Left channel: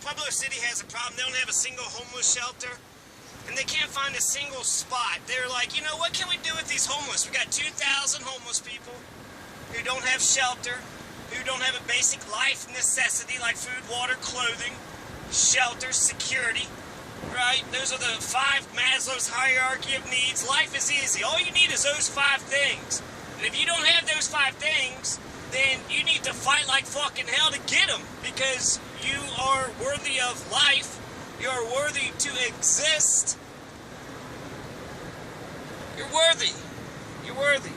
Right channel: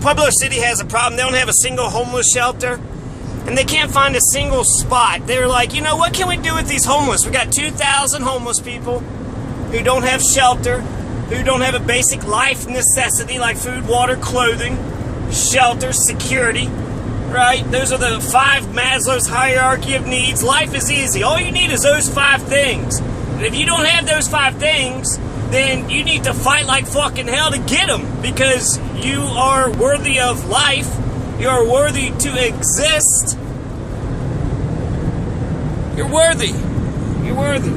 Pueblo City has a problem. They don't have a single homeless shelter, and they can't find a single spot. They're like, you know, what can we do with these homeless? We got 2,000 homeless people who don't have shelter, who don't have a basic life necessity like food, water, clothing, shelter, security, right? Those are the 5 Maslow's hierarchy of needs. Life is easy. All you need is those 5 things. And if you don't have those 5 things, then you need to fight like fucking hell to get them, because you are worthy of life. You are worthy to exist. You're worthy. You're worthy.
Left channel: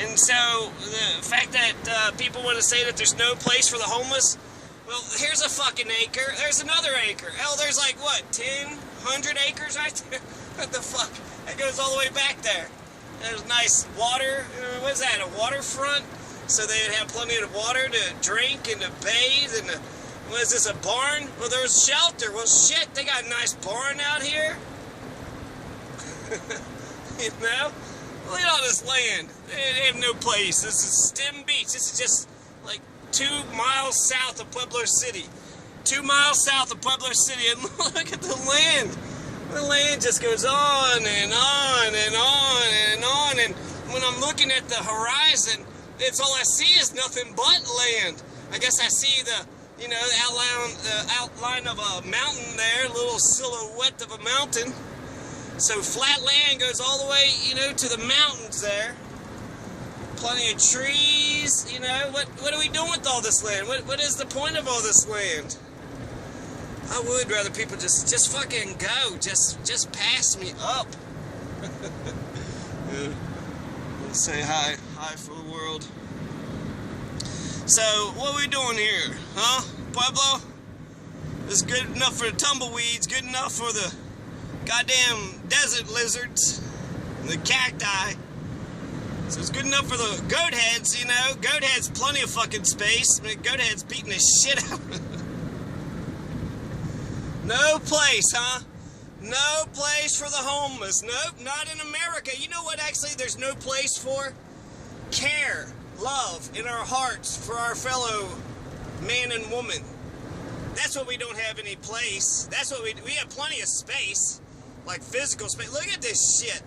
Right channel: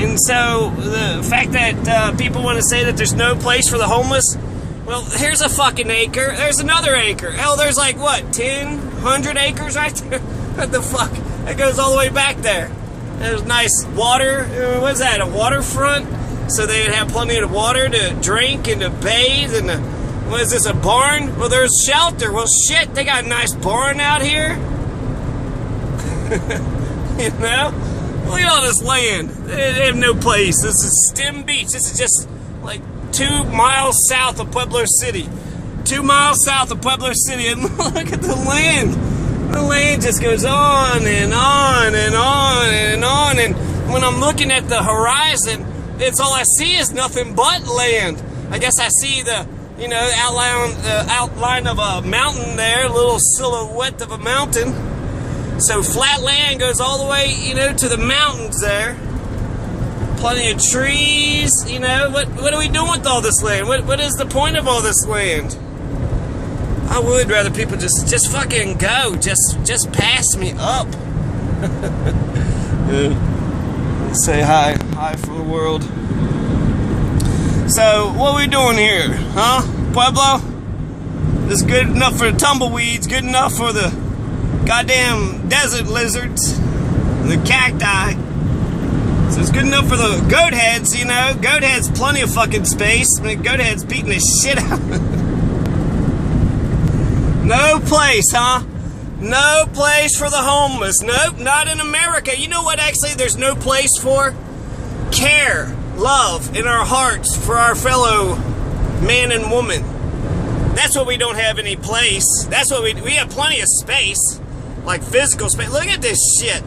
And so the fact that people want to say that there's no place for the homeless, well, here's a fucking acre. There's another acre. Hell, there's like, what, 10, 100 acres right there? What the fuck? That goes all the way back there. There's nice water. What's that, a waterfront? So they'd have plenty of water to drink and to bathe. And what is this, a barn? Well, there's shelter. Well, shit, they got a nice barn out here. You know? Look at all this land. They have no place. This is Stem Beach. This is just like 2 miles south of Pueblo City. 2 miles south of Pueblo City. And look at the land. The land just goes on and on and on and on. And when I'm looking at the horizon, it's all I see is nothing but land. I guess I see the, you know, outline of a mountain there, a little silhouette of a mountain. So flat land goes all the way, you know, to the mountains there. Plenty of trees, you know. What are we doing with all this land? What is the point of all this land? I would rather people just fucking go. Just pass me up. Yeah. Say hi for the world. So, what are we doing here, huh? Pueblo? This is good enough for the tumbleweeds, good enough for the goddamn desert lizards, the cacti. So it's good enough for the goat heads, you know? Goat heads, plenty of fucking space. I mean, goat heads beating the shit out of it. No place, huh? No place for the homeless. Nope, not in America. You know what, actually, there's no place for? Care, love in our hearts for our fellow man and woman. That's what we don't have any place. That's what we have plenty of space, like physical space. Look at this shit.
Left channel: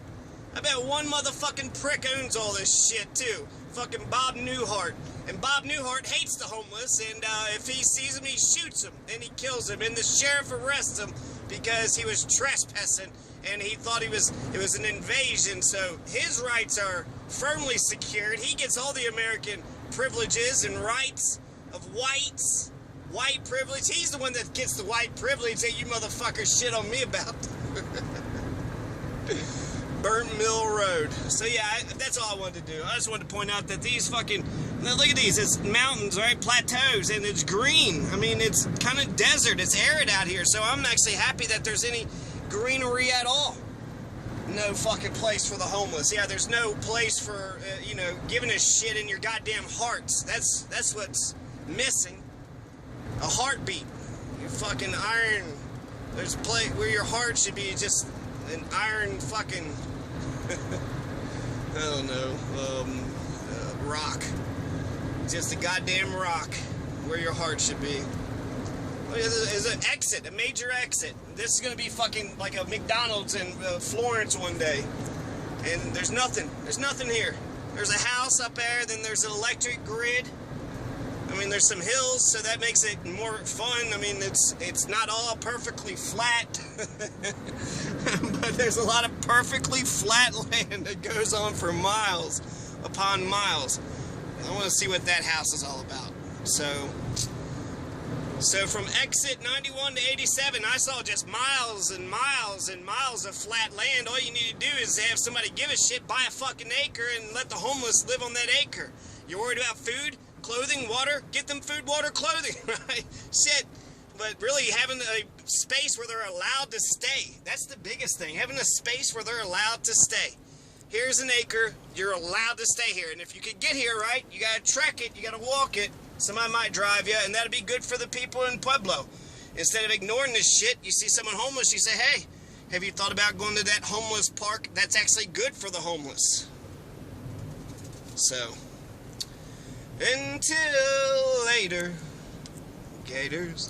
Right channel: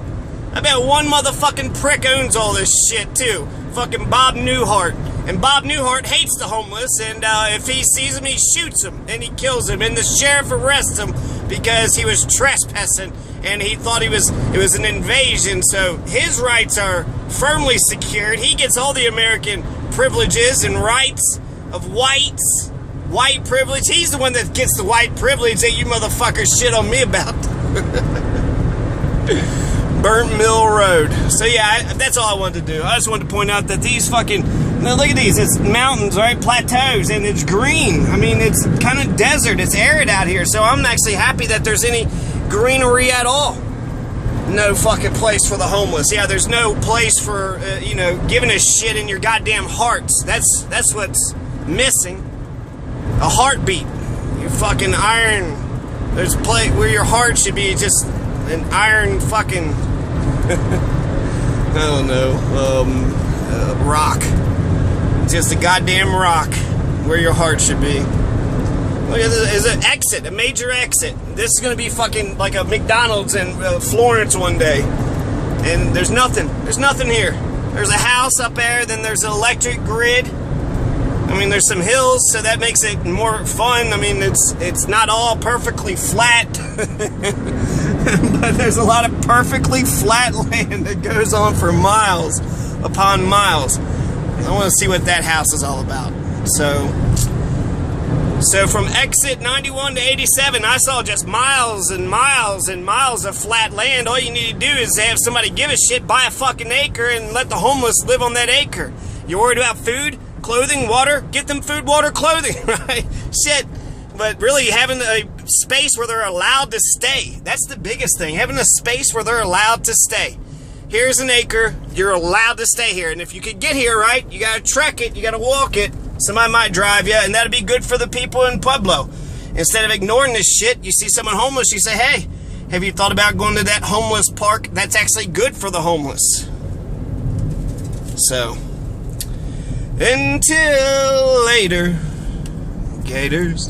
I bet one motherfucking prick owns all this shit, too. Fucking Bob Newhart. And Bob Newhart hates the homeless, and if he sees them, he shoots them, and he kills them, and the sheriff arrests him because he was trespassing, and he thought it was an invasion, so his rights are firmly secured. He gets all the American privileges and rights of whites, white privilege. He's the one that gets the white privilege that you motherfuckers shit on me about. Burnt Mill Road. So yeah, that's all I wanted to do. I just wanted to point out that these fucking, now look at these, it's mountains, right, plateaus, and it's green. I mean, it's kind of desert, it's arid out here, so I'm actually happy that there's any greenery at all. No fucking place for the homeless. Yeah, there's no place for, you know, giving a shit in your goddamn hearts. That's what's missing. A heartbeat. Your fucking iron, there's a place where your heart should be, just an iron fucking, I don't know, rock. Just a goddamn rock where your heart should be. Look at this, there's an exit, a major exit. This is gonna be fucking like a McDonald's in Florence one day. And there's nothing here. There's a house up there, then there's an electric grid. I mean, there's some hills, so that makes it more fun. I mean, it's not all perfectly flat, but there's a lot of perfectly flat land that goes on for miles upon miles. I want to see what that house is all about. So from exit 91 to 87, I saw just miles and miles and miles of flat land. All you need to do is have somebody give a shit, buy a fucking acre, and let the homeless live on that acre. You're worried about food, clothing, water? Get them food, water, clothing, right? Shit. But really, having a space where they're allowed to stay. That's the biggest thing. Having a space where they're allowed to stay. Here's an acre. You're allowed to stay here. And if you could get here, right, you got to trek it. You got to walk it. Somebody might drive you, and that'd be good for the people in Pueblo. Instead of ignoring this shit, you see someone homeless, you say, hey, have you thought about going to that homeless park? That's actually good for the homeless. So, until later, gators.